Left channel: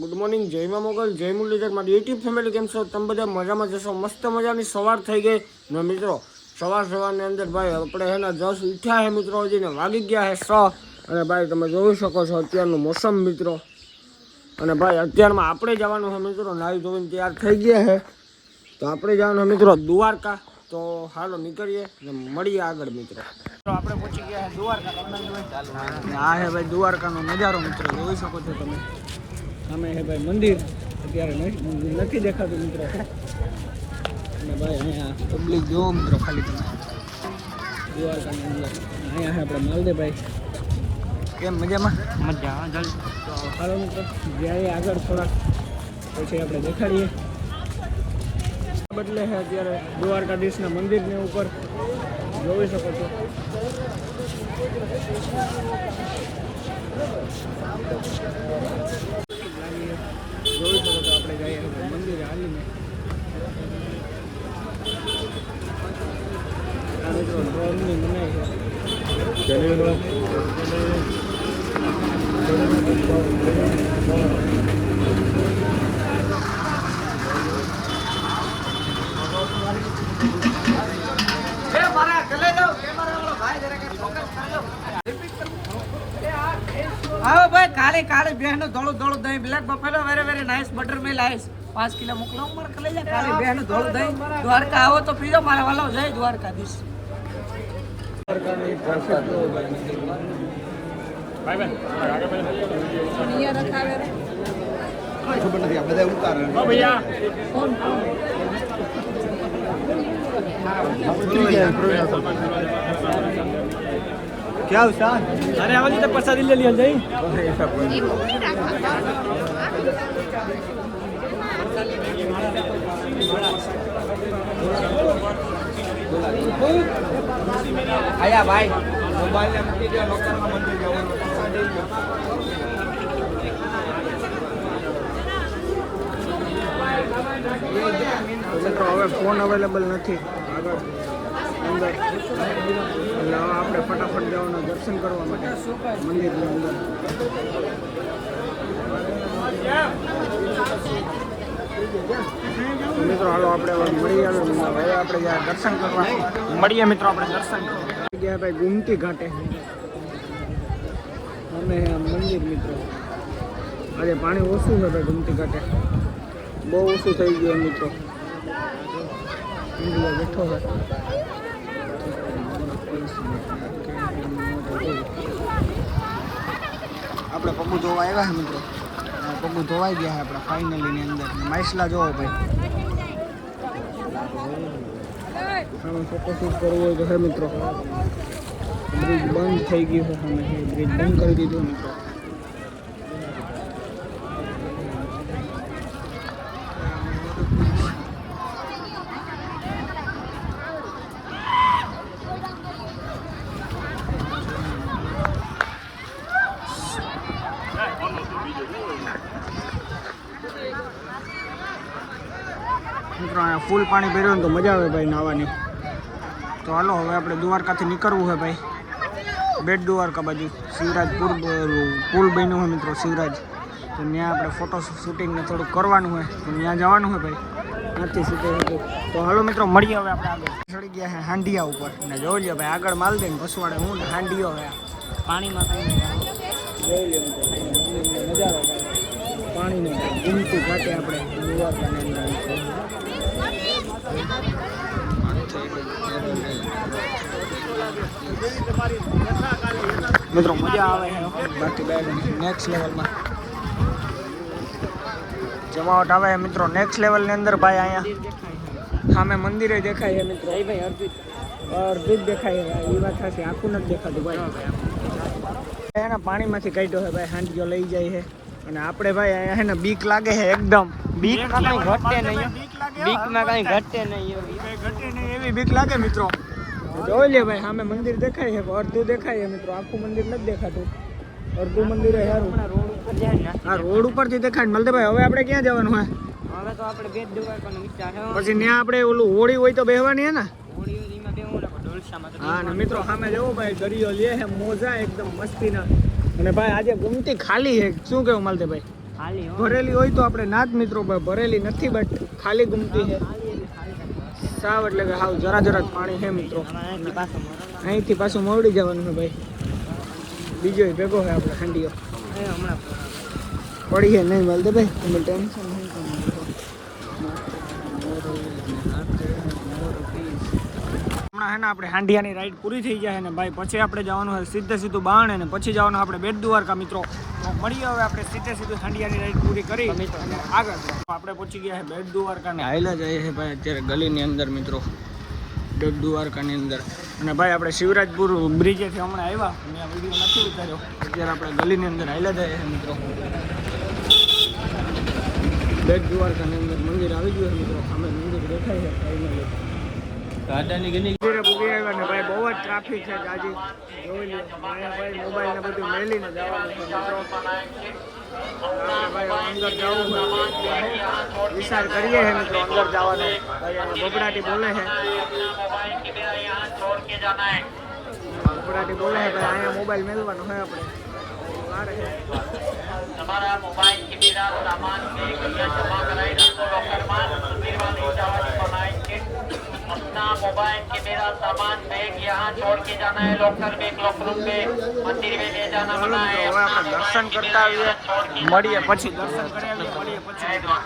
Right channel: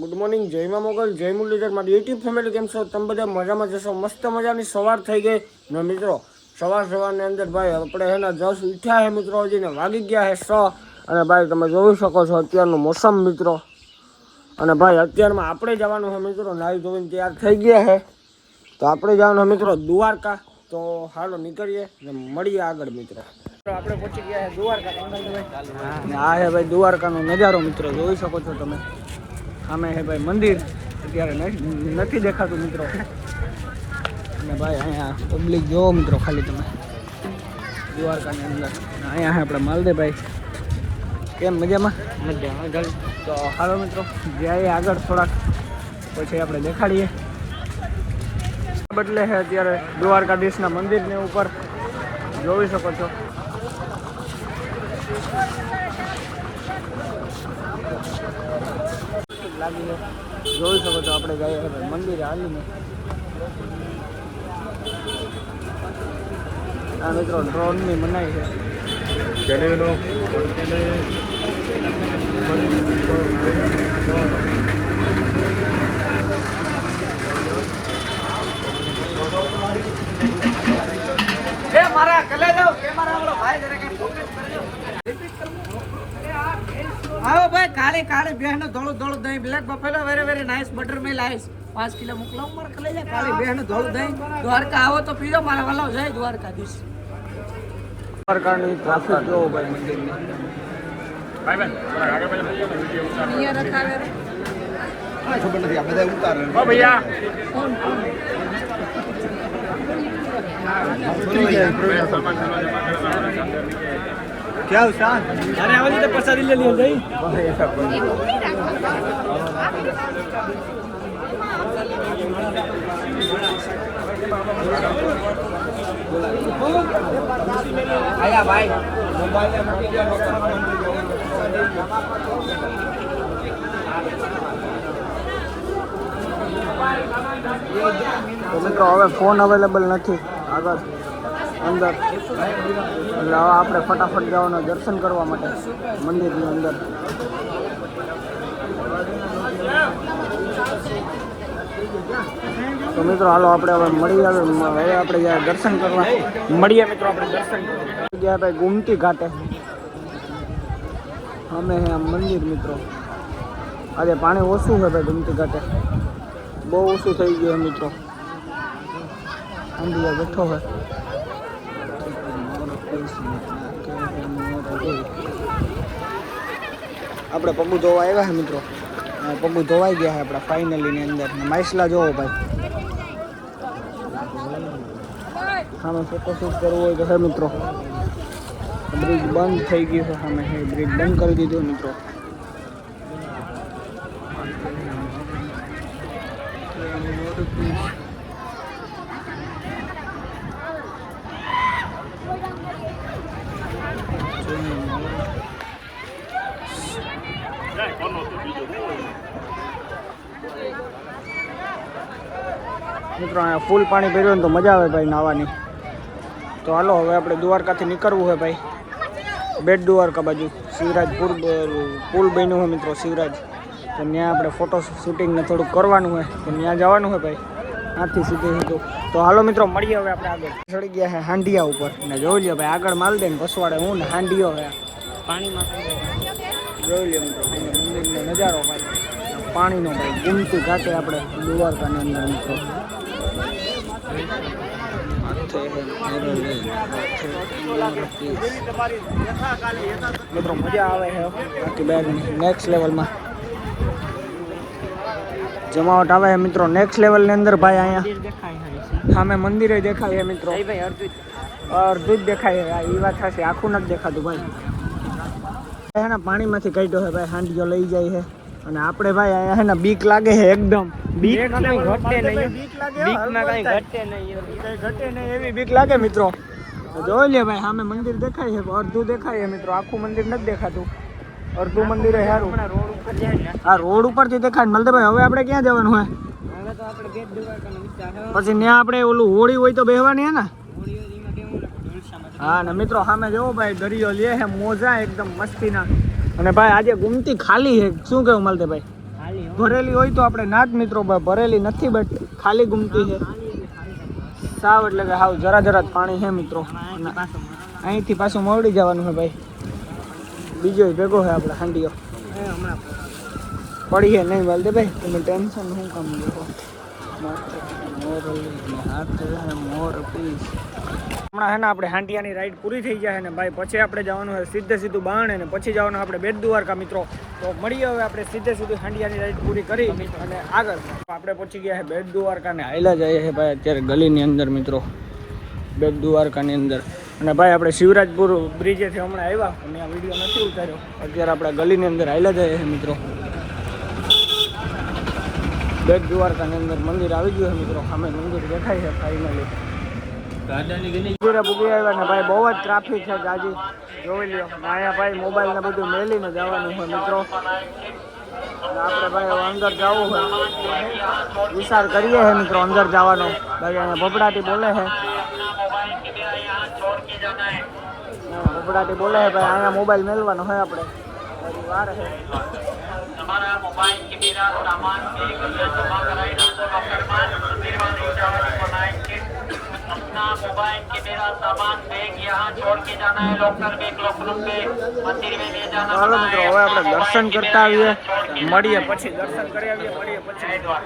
Good morning, જય મા મોગલ, જય મુરલીધર, મારી યુટ્યુબ ફેમિલી કેમ છો? તમે બધા મજામાં જશો? મસ્ત મજાની સવાર થઈ ગઈ ને મિત્રો. સવારની અંદર ભાઈ આપણે હે ને 10 ઉઠ્યા હે મિત્રો, હજી ને વાગી ગયા હે 6. અને ભાઈ તમે જોઈ શકો છો અત્યારનું મોસમ મિત્રો. અને ભાઈ અત્યારમાં આપણે જવાનું છે મિત્રો, નાહી ધોઈને તૈયાર થઈ ગયા છે. તો આપણે જવાનું છે મિત્રો દ્વારકા. તો હાલો નીકળીએ ને મળીએ આગળ મિત્રો. આપણે પહોંચી ગયા છે દ્વારકા. આ હે ભાઈ દ્વારકાનો નજારો મિત્રો, જોઈ શકો છો તમે. સામે હે ભાઈ મંદિર, અત્યારે નથી દેખાતું મિત્રો. અને ભાઈ અહીંયા પબ્લિક જોવો મિત્રો ખાલી તમે દ્વારકાની અંદર. અહીંયા હે આપણે માલદેભાઈ. કેમ મજામાં? મજા. તો હાલો મિત્રો જઈએ આગળ થોડાક, પછી આપણે દેખાડીએ. બદલે છે અત્યારે દ્વારકાધીશના મંદિરની ઉપર, જોઈ શકો છો. લાગીને જોઈ શકો છો આપણે જઈએ મંદિરે હાલીને. આ મિત્રો ડ્રોનની મનાઈ છે. हाँ भाई काले काले बहनों दौड़ दौड़ दही black buffalo very very nice butter में लाइस 5 किलो मोकलाऊं मार कलेजा काले बहनों दौड़ दही द्वारका आओ तो पीलो मारा वाला जय द्वारकाधीश. દ્વારકાની ટ્રાફિક જોવો ભાઈ. ભાઈ આગળ પેલા અહીંયા રખાવે રે ખબર નથી, આ બધા ઉતારે. ઓ ભૈયા क्या उस्ताद? अरे आवाज तो प्रसादी ले लिया जाई. आया भाई મોબાઈલ ને મૂકી દો લોકો. મિત્રો હવે ફોન અવેલેબલ નથી આગળ અંદર, એટલે હવે આપણે ફટાફટ જવાના દર્શન કરવા માટે મંદિરની અંદર. તો મિત્રો હાલો આપણે હવે મળીએ. હવે આપણે જ્યાં દર્શન કરવા મળીએ મિત્રો. આપણે દર્શન કરવા ગયા ભાઈ ગુમતી ઘાટે. અમે મંદિર મિત્રો. આજે પાણી ઓછું છે ભાઈ ગુમતી ઘાટે, બહુ ઓછું થઈ ગયું મિત્રો. અંડિયા બેઠો હોય. આપણે પગું ધોવા આવ્યા છે મિત્રો. પગું ધોવાઈ ગયા છે આપણા ફાઇનલી ની અંદર. માઇસલા જોવો ભાઈ. સામે ફોટોશૂટ કરવું હોય તો હે મિત્રો. બ્રિજ બંધ થઈ ગયું છે સામે. બ્રિજ બંધ કરી દીધું મિત્રો. મિત્રો અહીંયા ફૂલ પાણી ભર્યું ને તો મજા આવે ભાઈ નાવાની. તો હાલો હવે આપણે દ્વારકાથી નીકળવું છે ભાઈ બેટ દ્વારકા બાજુ. શિવરાજપુર પુલ બન્યું હોય મિત્રો, શિવરાજ. તો ત્યાં આપણે ફોટો શૂટિંગને થોડુંક કરવાનું હોય, તો ત્યાં જવાનું હોય ભાઈ. ત્યાંથી શૂટિંગ હતું. તો હાલો મિત્રો મળીએ હવે આપણે આગળ. ચડી ગયા છે હાંડિયા ઉપર ને જોઈ લો ભાઈ આગળ માલ દે ને પસવાડે હું ને હાંડિયો છે પાણીમાં. જોઈ લો મિત્રો મંદિરનો નજારો ભાઈ, પાણીનો ભાઈ. ગુમતી ઘાટે આપણે દ્વારકાની અંદર મિત્રો. મિત્રો મજા આવે છે બાકી બેન નેક્સ્ટ લેવલમાં જમાવટ આવે છે મિત્રો. નેક્સ્ટ લેવલની અંદર ભાઈ અહીંયા સામે મંદિરે દેખાય છે મિત્રો. અર્ધું જ દેખાય છે. એ વાત થશે, આખું નથી દેખાતું ભાઈ. એના પાણીમાંથી કાઢ્યો છે ભાઈ. હાંડિયો લઈ જાય છે. અને આપણે ભાઈ અહીંયા છે ને બીક લાગે છે એકદમ. બીક લાગે ઘટે નહીં એવી બીક લાગે મિત્રો. જોઈ લે ભાઈ સામે મંદિર દેખાય છે, અડધું દેખાય છે મિત્રો. આખું મંદિર નથી દેખાતું, અડધું મંદિર સારું. હા રોડ ઉપરથી દેખાય. મળતે ભાઈ હવે આપણે ક્યાં જવાનું હોય? પછી ત્યાં આપણે ઓલું હોળી હોય તો બેહવાની હે ને. હા ને મિત્રો સામે જોવો ભાઈ દરિયો લે છે, મોજા એકદમ મસ્તીના. અને ભાઈ આજે ગુમતી ખાલી છે. શું કેવું માલતે ભાઈ? ભરેલી હોય તો આપણે ના જ મિત્રો, ભરેલી નથી બટ ખાલી ઘૂમતી છે સાવ, એટલે કે હાવ જરા જ પાણી છે મિત્રો. અહીંથી પાછું મોવડી જવાનું છે ભાઈ, બીજો ભેગો છે આપણે હાંડીઓ હમણાં પડી છે નહીં વાલ દે ભાઈ, તમે ટેન્શન નહીં કામ લો. હમણાં હે ને આપણે હાંડિયાની રાઈડ પૂરી થઈ જાય ને ભાઈ, પછી આપણે જવાનું છે સીધું બાણે ને પછી જવાનું આપણે બેટ દ્વારકા મિત્રો. તો મળીએ હવે આપણે સીધું હાંડિયાની રાઈડ પૂરી કરી અને આગળ આપણે પહોંચી ગયા છે બેટ દ્વારકા ને હાઈલા જઈએ છે ભાઈ અત્યારે ગલીની અંદર મિત્રો, બેટ દ્વારકાની અંદર. અને ભાઈ આપણે શિવરાજપુર બ્રિજેથી હમણાં આવ્યા અને આ વિડીયો નથી ઉતાર્યો, અત્યારે આપણે ગલીની અંદર હાઈલા જઈએ છે મિત્રો. બેટ દ્વારકાની અંદર મંદિર આવી ગયું છે મિત્રો, સામે મંદિર દેખાય છે ફાઇનલી. મંદિરે પૂગી આવ્યા ને ભાઈ બહુ જ ટ્રાફિક છે જાજી, જોઈ લ્યો. અહીંયા ભાઈ મોબાઈલ ને બધું મેલીને જવાનું છે મિત્રો. આપણે ભાઈ હવે અંદર જવું હોય વિચાર કરીએ છે મિત્રો અંદર જવાનો. ભાઈ અહીંયા ભભડાટી બોલે છે, ભભડાટી બોલે છે ભાઈ, અહીંયા મોબાઈલ મેલવાનો હોય આપણે, વાર છે. ચાલો મિત્રો હવે આપણે દર્શન કરતા આવીએ, મળીએ પછી દર્શન કરી આવીએ, મળીએ પછી મિત્રો.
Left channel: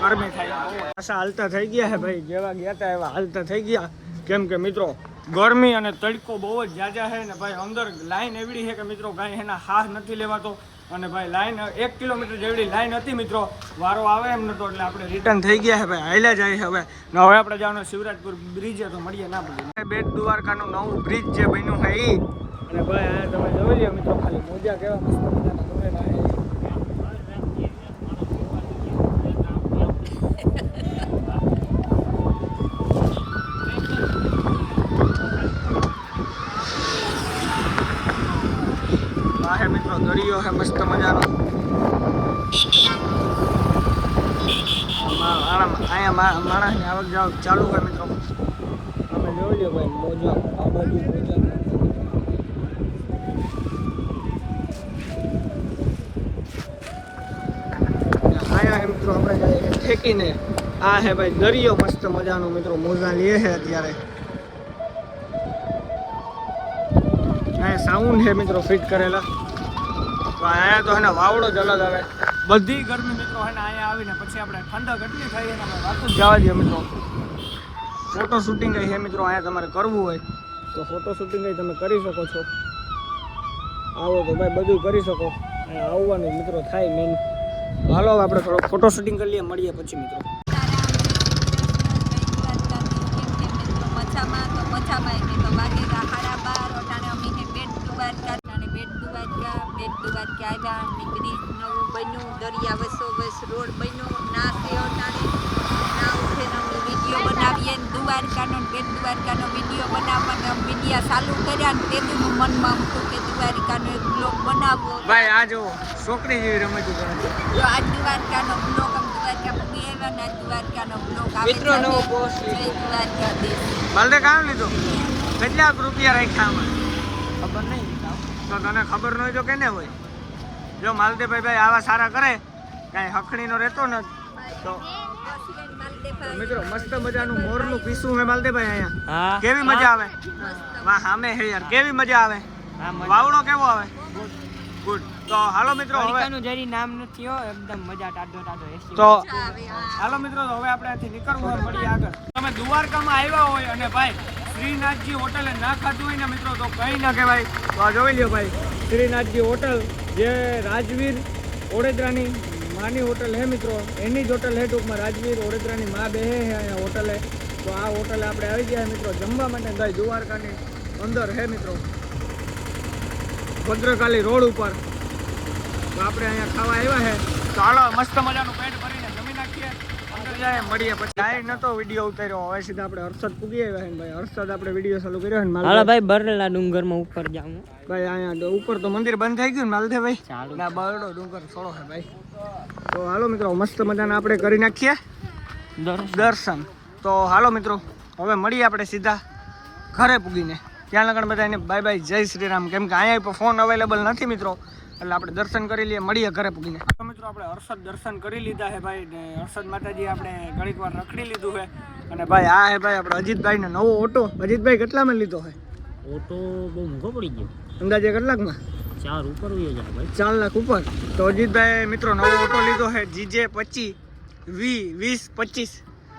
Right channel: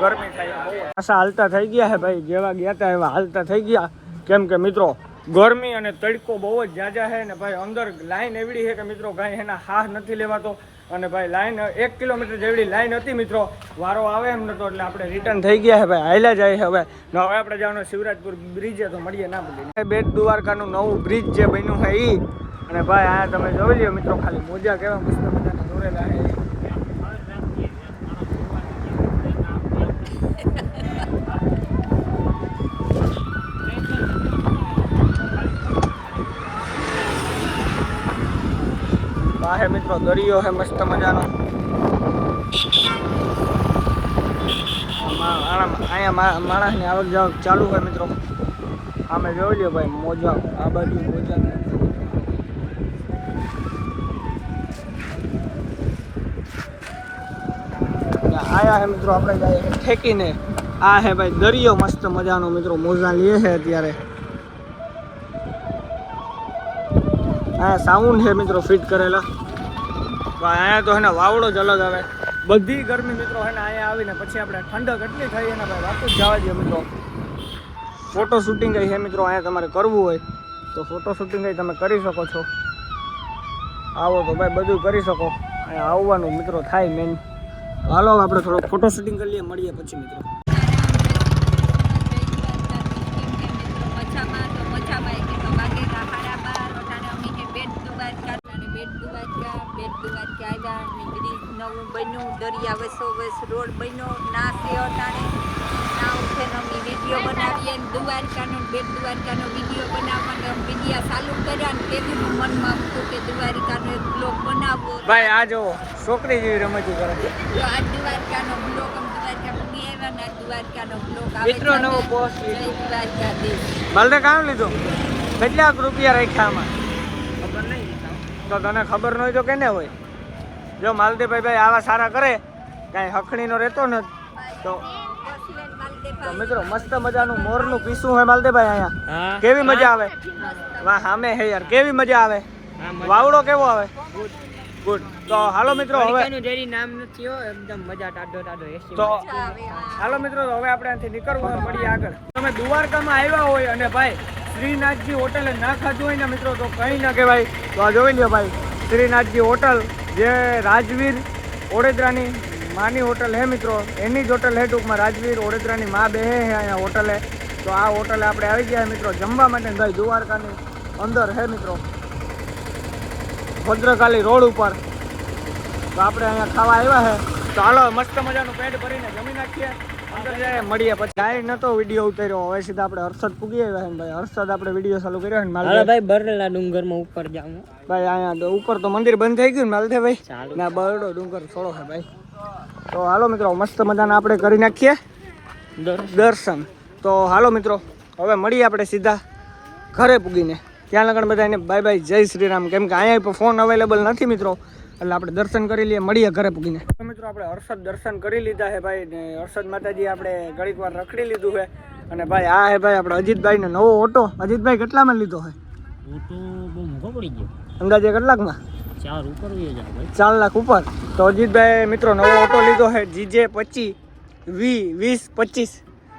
ગરમી થાય બહુ પાછા હાલતા થઈ ગયા છે ભાઈ, જેવા ગયા હતા એવા હાલતા થઈ ગયા, કેમ કે મિત્રો ગરમી અને તડકો બહુ જ જાજા છે ને ભાઈ. અંદર લાઈન એવડી છે કે મિત્રો કાંઈ એના હાથ નથી લેવાતો. અને ભાઈ લાઈન 1 કિલોમીટર જેવડી લાઈન હતી મિત્રો, વારો આવે એમ નતો, એટલે આપણે રિટર્ન થઈ ગયા છે ભાઈ, હાલ્યા જાય છે હવે. ને હવે આપણે જવાનું શિવરાજપુર બ્રિજે, તો મળીએ ના પૂગીએ. બેટ દ્વારકાનું નવું બ્રિજ જે બન્યું છે એ, અને ભાઈ આ તમે જોઈ લો મિત્રો, ખાલી મોજા કેવા મસ્ત મજાના દોરેલા છે. આ હે મિત્રો દરિયો હે મસ્ત મજાનો. અહીંયા માણસની આવક જાવક ચાલુ હોય મિત્રો. અમે જોઈ લ્યો ભાઈ મોજા, આ બાજુ મોજા આયા હે મિત્રો. આપણે જાય ઠેકીને આ હે ભાઈ દરિયો મસ્ત મજાનો મિત્રો, મોજા લે છે અત્યારે. અહીંયા સાઉન્ડ છે મિત્રો ફિટ કરેલા. અહીંયા તો એને વાવડો જ અલગ આવે. બધી ગરમી મિત્રો છે ને અહીંયા આવીને પછી આપણે ઠંડક એટલી થઈ એના ભાઈ વાત જ જવા દઈએ મિત્રો. ફોટો શૂટિંગ છે મિત્રો, અહીંયા તમારે કરવું હોય તો ફોટો શૂટિંગ તમે કરી શકો છો. આવો તો ભાઈ બધું કરી શકો, અહીંયા આવવાનું મિત્રો થાય મેન. હાલો આપણે થોડો ફોટો શૂટિંગ કરી લઈએ, મળીએ પછી મિત્રો. બેટ દ્વારકા આવ્યા ને બ્રિજ નવું બન્યું, દરિયા વસો વસ રોડ બન્યો, નાસ્યો વિડીયો બનાવીએ ને દ્વારકાનો બેટ દ્વારકાનો વિડીયો બનાવવાનો વિડીયા ચાલુ કર્યા ને તેનું મનમાં હતું કે દ્વારકાનો એક બ્લોગ બનાવવો. ભાઈ આ જો છોકરી જેવી રમતું કરે છે. જો આ દ્વારકાનો બ્લોગ દ્વારકા પૂગી આવ્યા ને દ્વારકાનો બ્લોગ આવે છે. જય દ્વારકાધીશ. માલને કામ લીધું, કેટલાક રૂપિયા રાખ્યા આમાં ખબર નહીં, તો તને ખબર ન હોય તો કેને હોય. જો માલદેભાઈ ભાઈ આવા સારા કરે, કાંઈ હખણીનો રહેતો ને તો મિત્રો મસ્ત મજાનું મોરનું પીસું હોય માલદેભાઈ અહીંયા. કેવી મજા આવે, વાહ સામે હે યાર, કેવી મજા આવે. વાવડો કેવો આવે, ગુડ. તો હાલો મિત્રો હવે જેની નામ નથી હો, એકદમ મજા ટાઢો તો હાલો મિત્રો હવે આપણે અહીંથી નીકળવું હોય, મળીએ આગળ. તમે દ્વારકામાં આવ્યા હોય અને ભાઈ શ્રીનાથજી હોટલે ના ખાધું હોય ને મિત્રો તો કંઈ ન કહેવાય. તો આ જોઈ લ્યો ભાઈ, શ્રીનાથજી હોટલ જે રાજવીર ઓડેદરાની માની હોટલ હે મિત્રો, એની જ હોટલ હે ટૂંકમાં. રાજવીર ઓડેદરાની માં બે હે અહીંયા હોટલે. તો આ હોટલે આપણે આવી ગયા મિત્રો જમવા માટે. ભાઈ દ્વારકાની અંદર હે મિત્રો, ભદ્રકાલી રોડ ઉપર. તો આપણે અહીંયા ખાવા આવ્યા છે. તો હાલો મસ્ત મજાનું પેટ ભરીને જમી નાખીએ, અંદર જાય મળીએ. પછી ડાયરેક્ટ નતો વિડીયો ઉતાર્યો, હવે સીધા આપણે હર્ષદ પૂગી આવ્યા છે. ભાઈ હર્ષદ આપણે વિડીયો ચાલુ કર્યો ને માલ ભાઈ બરલા ડુંગરમાં ઉપર જાઉં ભાઈ. અહીંયા ઉપર તો મંદિર બંધ થઈ ગયું ને માલથે ભાઈ, ના બરડો ડુંગર છોડો છે ભાઈ. તો હાલો મિત્રો મસ્ત મજાના આપણે કરી નાખીએ દર્શન. તો હાલો મિત્રો હવે મળીએ આપણે સીધા ઘરે પૂગીને. ત્યાં લગન બધા એને બાય બાય, જય શ્રી રામ. કેમ કે અહીંયા ફોન અવેલેબલ નથી મિત્રો, એટલે આપણે દર્શન કરી લઈએ, મળીએ ઘરે પૂગીને. તો મિત્રો આપણે હર્ષદ દર્શન કરી લીધા છે ભાઈ ને હર્ષદ માતાજી આપણે ઘડીક વાર રખડી લીધું છે. અને ભાઈ આ હે ભાઈ આપણે અજીતભાઈને નવો ઓટો. અજીતભાઈ કેટલામાં લીધો છે ઓટો? બહુ મોંઘો પડી ગયો, અંદાજે કેટલાકમાં? 4 ઉપર વયો જાય ભાઈ, 4 લાખ ઉપર. તો અજીતભાઈ મિત્રો નવો ઓટો લીધો છે GJ 25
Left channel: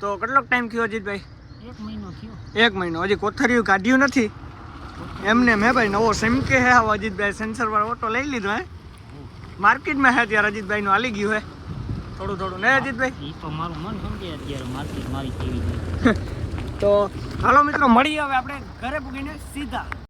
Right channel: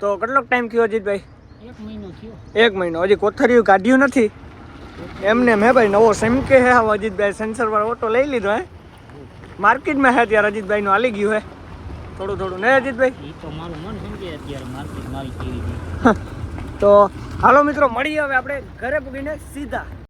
તો કેટલોક ટાઈમ થયો અજીતભાઈ? 1 મહિનો થયો. 1 મહિનો. હજી કોથરીયું કાઢ્યું નથી એમને મેં ભાઈ નવો સમકે હે. હવે અજીતભાઈ સેન્સર વાળો ઓટો લઈ લીધો હે. માર્કેટમાં હે ત્યારે અજીતભાઈનું હાલી ગયું હે થોડું થોડું ને અજીતભાઈ? એ તો મારું મન સમજે અત્યારે માર્કેટ મારી કેવી છે. તો હાલો મિત્રો મળીએ હવે આપણે ઘરે પૂગીને સીધા.